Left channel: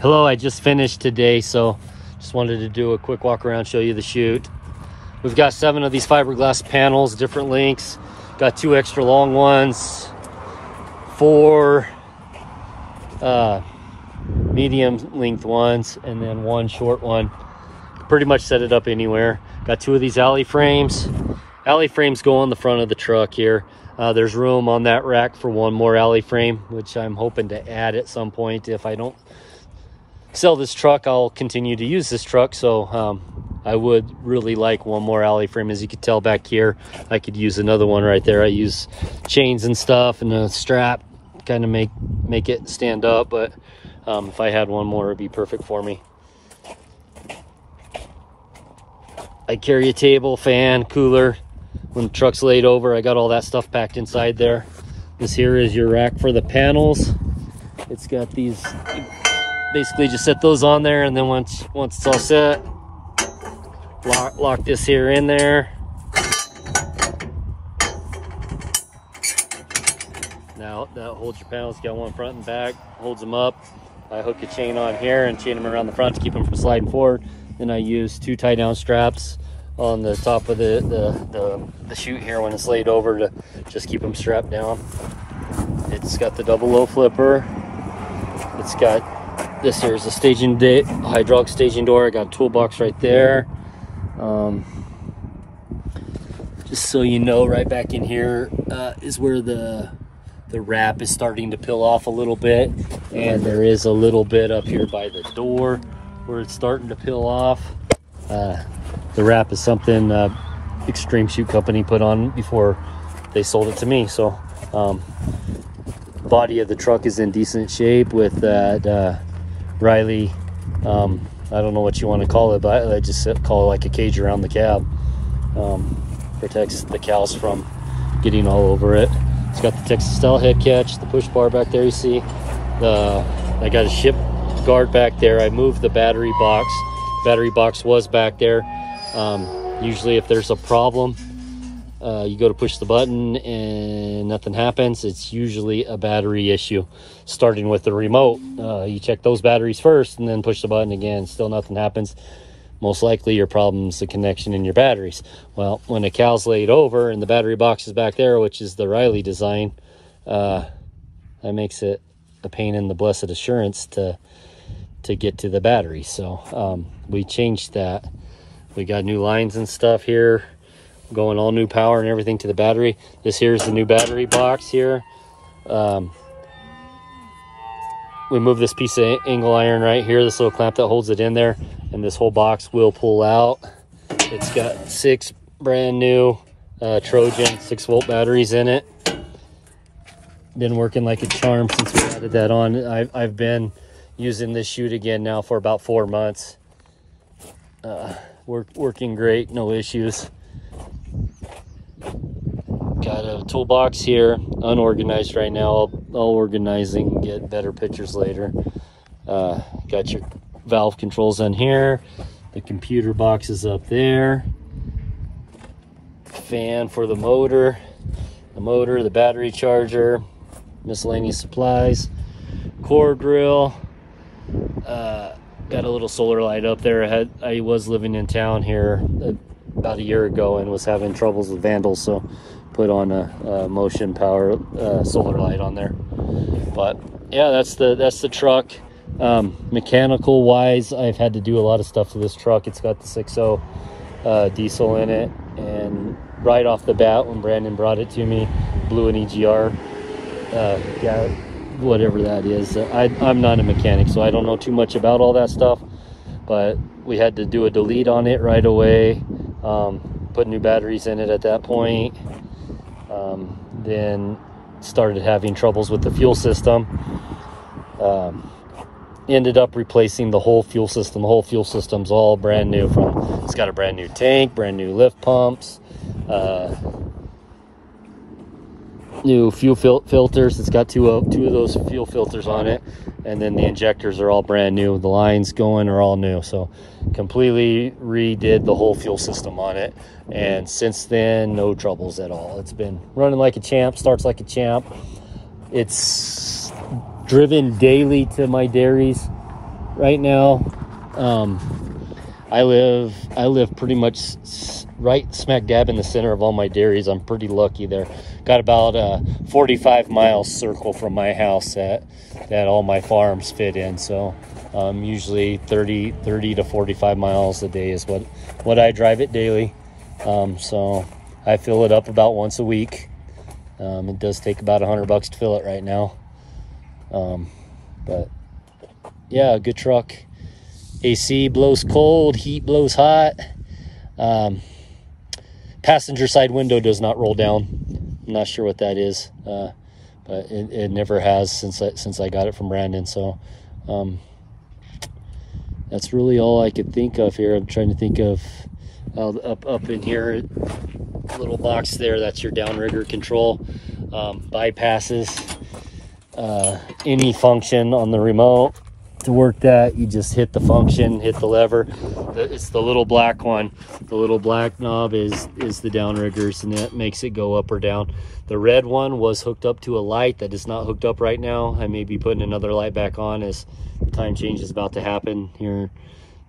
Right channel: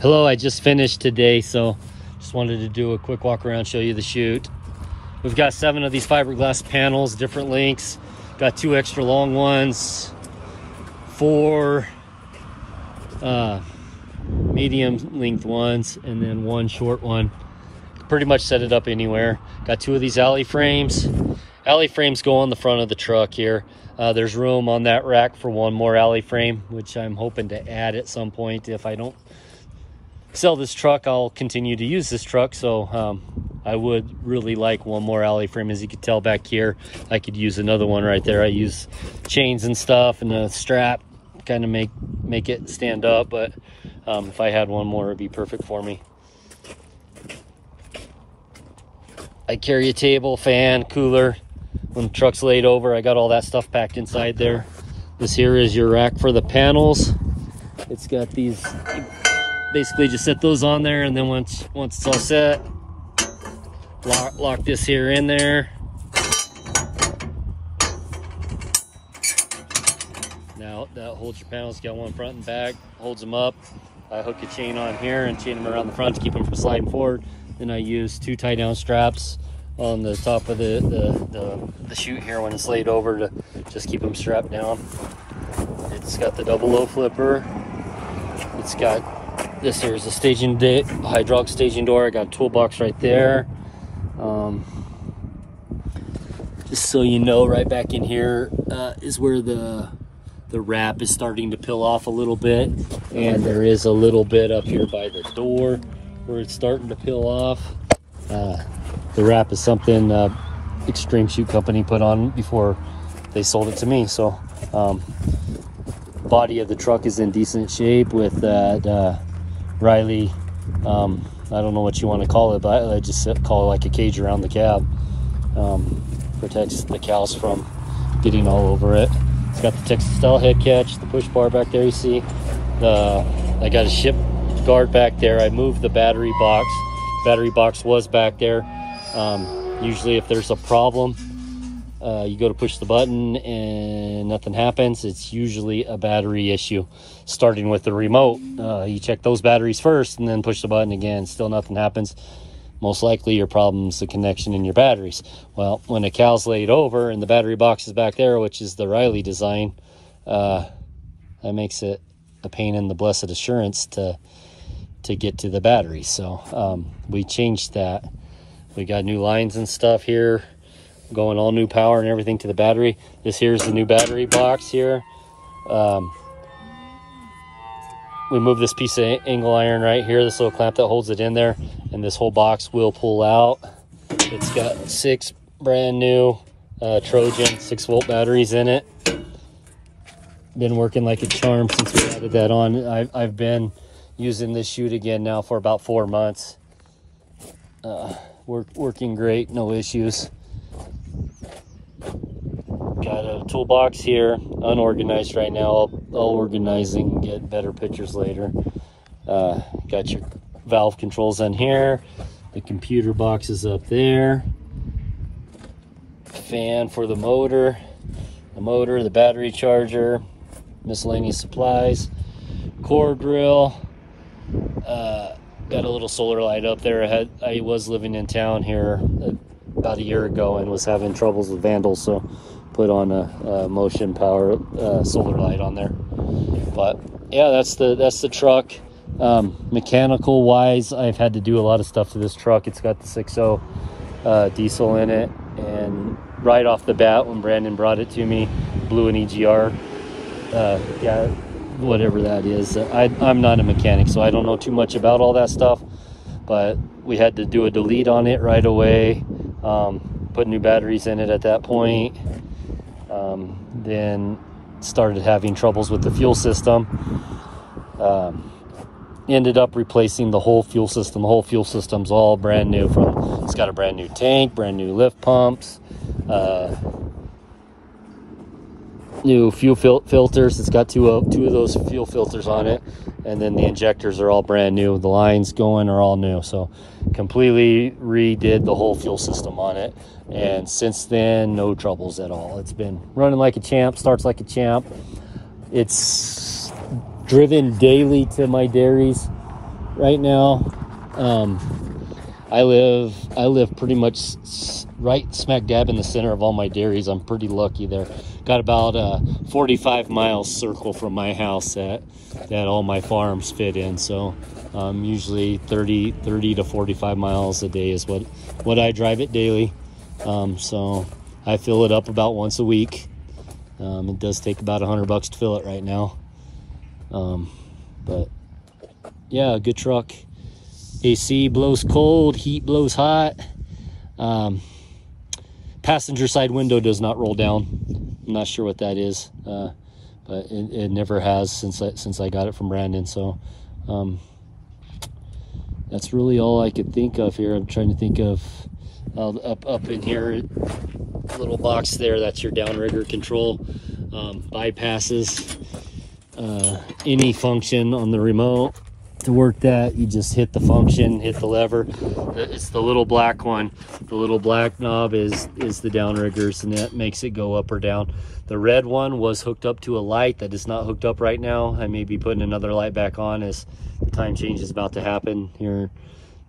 Hello, I just finished today, so just wanted to do a quick walk around, show you the chute. We've got 7 of these fiberglass panels, different lengths. Got 2 extra long ones, 4 medium length ones, and then 1 short one. Pretty much set it up anywhere. Got 2 of these alley frames. Alley frames go on the front of the truck here. There's room on that rack for 1 more alley frame, which I'm hoping to add at some point. If I don't sell this truck, I'll continue to use this truck, so I would really like 1 more alley frame. As you can tell back here, I could use another one right there. I use chains and stuff and a strap, kind of make it stand up, but if I had 1 more, it'd be perfect for me. I carry a table, fan, cooler. When the truck's laid over, I got all that stuff packed inside there. This here is your rack for the panels. It's got these, basically just set those on there, and then once it's all set, lock this here in there. Now that holds your panels. Got 1 front and back, holds them up. I hook a chain on here and chain them around the front to keep them from sliding forward. Then I use 2 tie down straps on the top of the chute here when it's laid over to just keep them strapped down. It's got the double low flipper. It's got this here's a hydraulic staging door. I got a toolbox right there. Just so you know, right back in here is where the wrap is starting to peel off a little bit, and there is a little bit up here by the door where it's starting to peel off. The wrap is something Extreme Chute Company put on before they sold it to me. So the body of the truck is in decent shape with that Riley, I don't know what you want to call it, but I just call it like a cage around the cab. Protects the cows from getting all over it. It's got the Texas style head catch, the push bar back there you see. I got a ship guard back there. I moved the battery box. Battery box was back there. Usually if there's a problem, you go to push the button and nothing happens, it's usually a battery issue. Starting with the remote, you check those batteries first and then push the button again, still nothing happens. Most likely your problem's the connection in your batteries. Well, when a cow's laid over and the battery box is back there, which is the Riley design, that makes it a pain in the blessed assurance to get to the battery. So we changed that. We got new lines and stuff here, going all new power and everything to the battery. This here is the new battery box here. We moved this piece of angle iron right here, this little clamp that holds it in there, and this whole box will pull out. It's got 6 brand new Trojan 6-volt batteries in it. Been working like a charm since we added that on. I've been using this chute again now for about 4 months. Working great, no issues. Got a toolbox here, unorganized right now. I'll organize and get better pictures later. Got your valve controls on here. The computer box is up there. Fan for the motor, the battery charger, miscellaneous supplies, core drill. Got a little solar light up there. I was living in town here about a year ago and was having troubles with vandals, so put on a motion power solar light on there. But yeah, that's the truck. Mechanical wise, I've had to do a lot of stuff to this truck. It's got the 6.0 diesel in it, and right off the bat when Brandon brought it to me, blew an EGR. Yeah, whatever that is. I'm not a mechanic, so I don't know too much about all that stuff, but we had to do a delete on it right away. Put new batteries in it at that point. Then started having troubles with the fuel system. Ended up replacing the whole fuel system. The whole fuel system's all brand new. It's got a brand new tank, brand new lift pumps, new fuel filters. It's got two of those fuel filters on it, and then the injectors are all brand new. The lines going are all new, so completely redid the whole fuel system on it. And since then, no troubles at all. It's been running like a champ, starts like a champ. It's driven daily to my dairies. right now. I live pretty much right smack dab in the center of all my dairies. I'm pretty lucky there. Got about a 45-mile circle from my house that all my farms fit in. So usually 30 to 45 miles a day is what I drive it daily. So I fill it up about once a week. It does take about $100 to fill it right now. But yeah, good truck. AC blows cold, heat blows hot. Passenger side window does not roll down. I'm not sure what that is, but it never has since I got it from Brandon. So that's really all I could think of here. I'm trying to think of up in here, little box there. That's your downrigger control. Bypasses any function on the remote. To work that, you just hit the function, hit the lever. It's the little black one. The little black knob is the downriggers, and that makes it go up or down. The red one was hooked up to a light that is not hooked up right now. I may be putting another light back on as the time change is about to happen here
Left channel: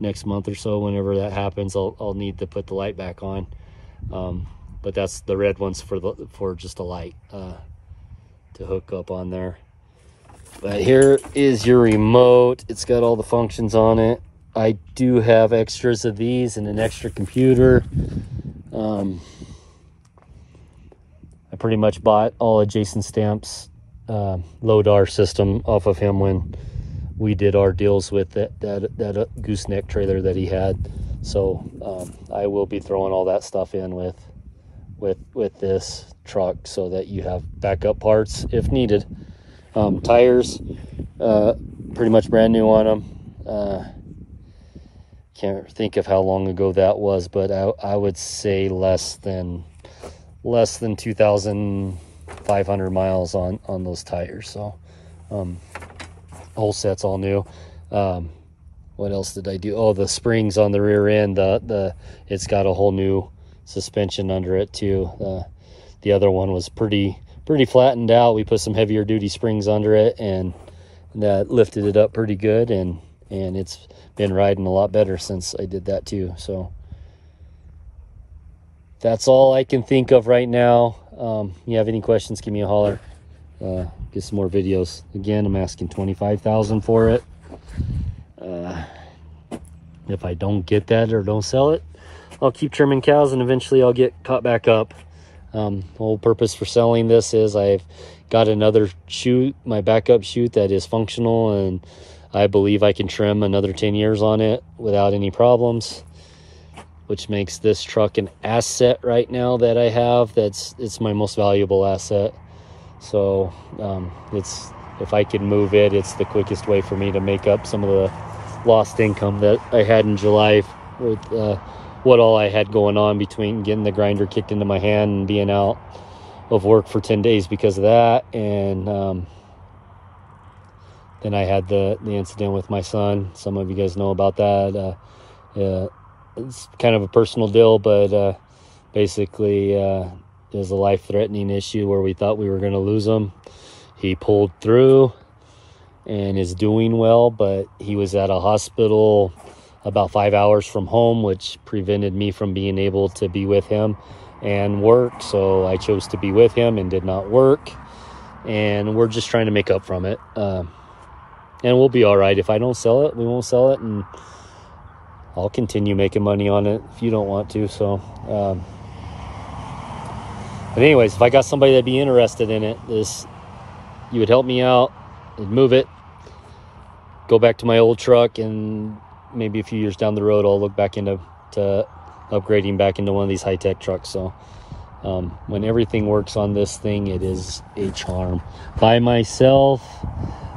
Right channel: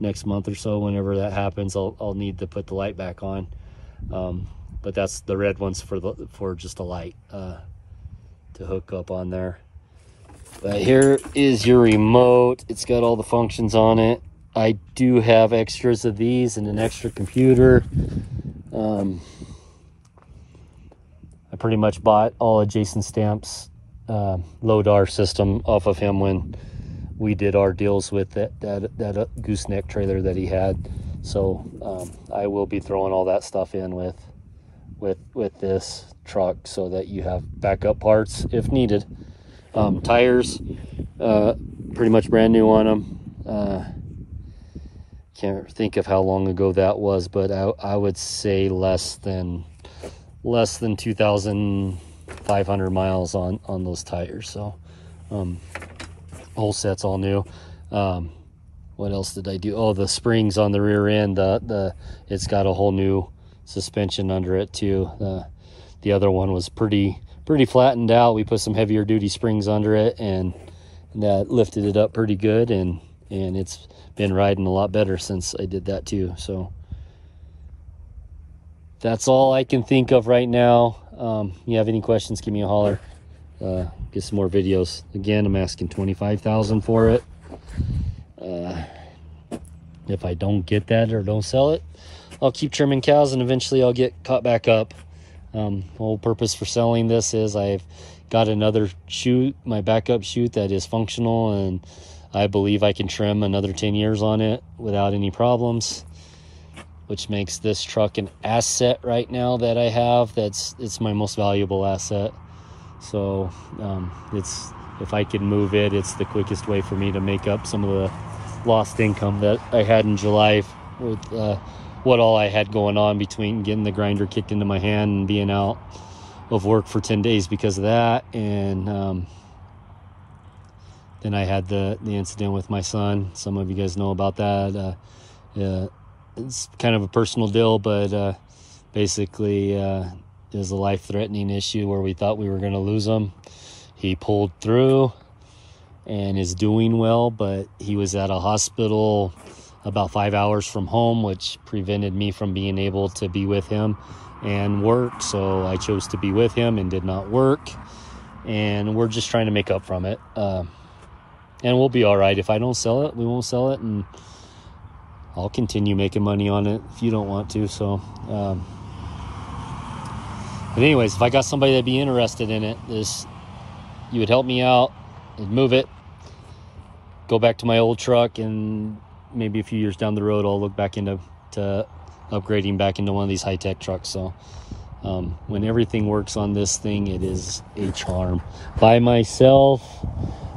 next month or so. Whenever that happens, I'll need to put the light back on. But that's the red one's for just a light to hook up on there. But here is your remote. It's got all the functions on it. I do have extras of these and an extra computer. I pretty much bought all of Jason Stamp's LODAR system off of him when we did our deals with that gooseneck trailer that he had. So I will be throwing all that stuff in with this truck so that you have backup parts if needed. Tires, pretty much brand new on them. Can't think of how long ago that was, but I would say less than 2,500 miles on those tires. So whole set's all new. What else did I do? Oh, the springs on the rear end, it's got a whole new suspension under it too. The other one was pretty flattened out. We put some heavier duty springs under it, and that lifted it up pretty good, and it's been riding a lot better since I did that too. So that's all I can think of right now. You have any questions, give me a holler. Get some more videos. Again, I'm asking $25,000 for it. If I don't get that or don't sell it, I'll keep trimming cows, and eventually I'll get caught back up. The whole purpose for selling this is I've got another chute, my backup chute, that is functional, and I believe I can trim another 10 years on it without any problems, which makes this truck an asset right now that I have. It's my most valuable asset. So if I can move it, it's the quickest way for me to make up some of the lost income that I had in July with what all I had going on between getting the grinder kicked into my hand and being out of work for 10 days because of that. And then I had the incident with my son. Some of you guys know about that. It's kind of a personal deal, but basically it was a life-threatening issue where we thought we were going to lose him. He pulled through and is doing well, but he was at a hospital about 5 hours from home, which prevented me from being able to be with him and work. So I chose to be with him and did not work, and we're just trying to make up from it. And we'll be all right. If I don't sell it, we won't sell it, and I'll continue making money on it if you don't want to. So but anyways, if I got somebody that'd be interested in it, you would help me out, I'd move it, go back to my old truck, and maybe a few years down the road I'll look back into upgrading back into one of these high-tech trucks. So when everything works on this thing, it is a charm. By myself,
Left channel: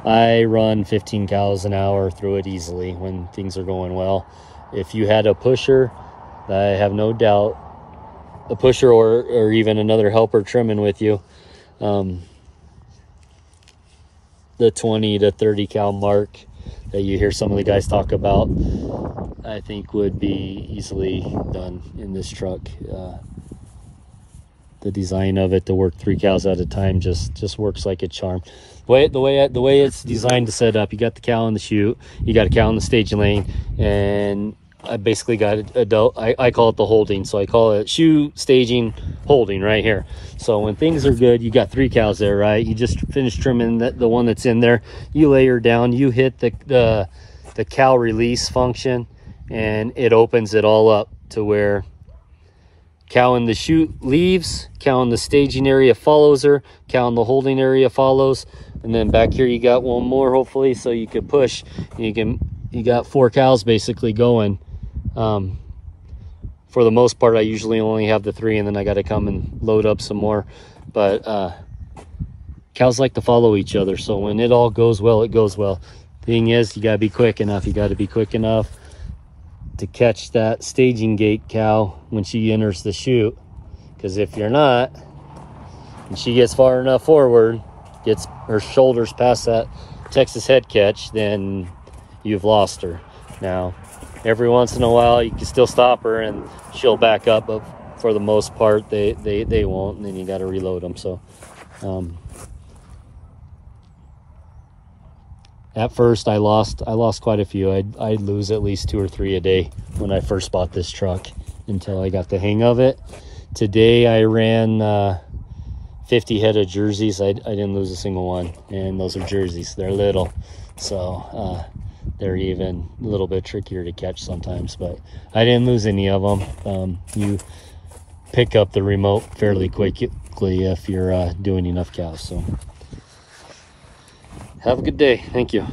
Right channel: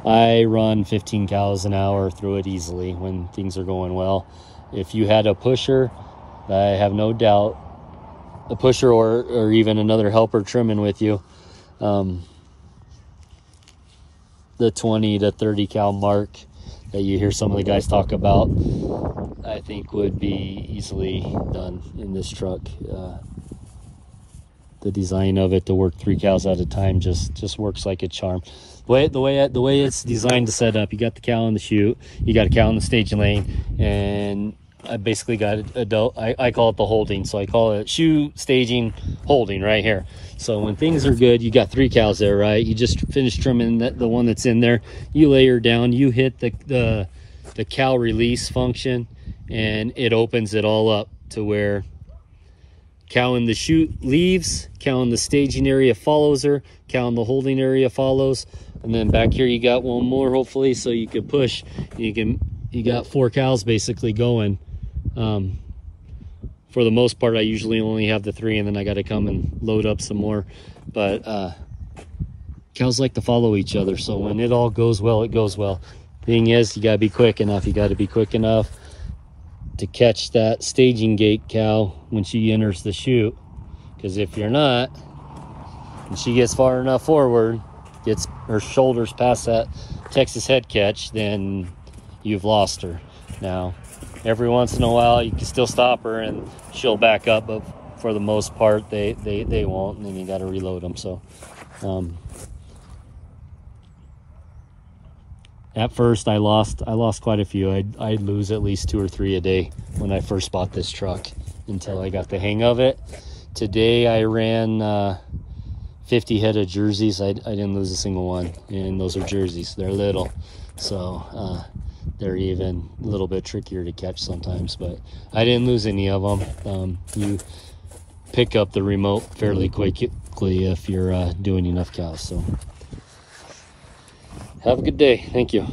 I run 15 cows an hour through it easily when things are going well. If you had a pusher, I have no doubt, a pusher or even another helper trimming with you, the 20 to 30 cow mark that you hear some of the guys talk about, I think would be easily done in this truck. The design of it to work 3 cows at a time just works like a charm. The way it's designed to set up, you got the cow in the chute, you got a cow in the staging lane, and I basically got I call it the holding. So I call it chute, staging, holding right here. So when things are good, you got 3 cows there, right? You just finished trimming the one that's in there. You lay her down, you hit the cow release function, and it opens it all up to where cow in the chute leaves, cow in the staging area follows her, cow in the holding area follows, and then back here you got one more, hopefully, so you could push. You got 4 cows basically going. For the most part, I usually only have the 3, and then I got to come and load up some more. But cows like to follow each other, so when it all goes well, it goes well. Thing is, you got to be quick enough. You got to be quick enough to catch that staging gate cow when she enters the chute, because if you're not, and she gets far enough forward, gets her shoulders past that Texas head catch, then you've lost her. Now, every once in a while you can still stop her and she'll back up, but for the most part they won't, and then you got to reload them. So at first I lost quite a few. I'd lose at least 2 or 3 a day when I first bought this truck until I got the hang of it. Today I ran 50 head of jerseys. I didn't lose a single one, and those are jerseys. They're little, so they're even a little bit trickier to catch sometimes, but I didn't lose any of them. You pick up the remote fairly quickly if you're doing enough cows. So have a good day. Thank you.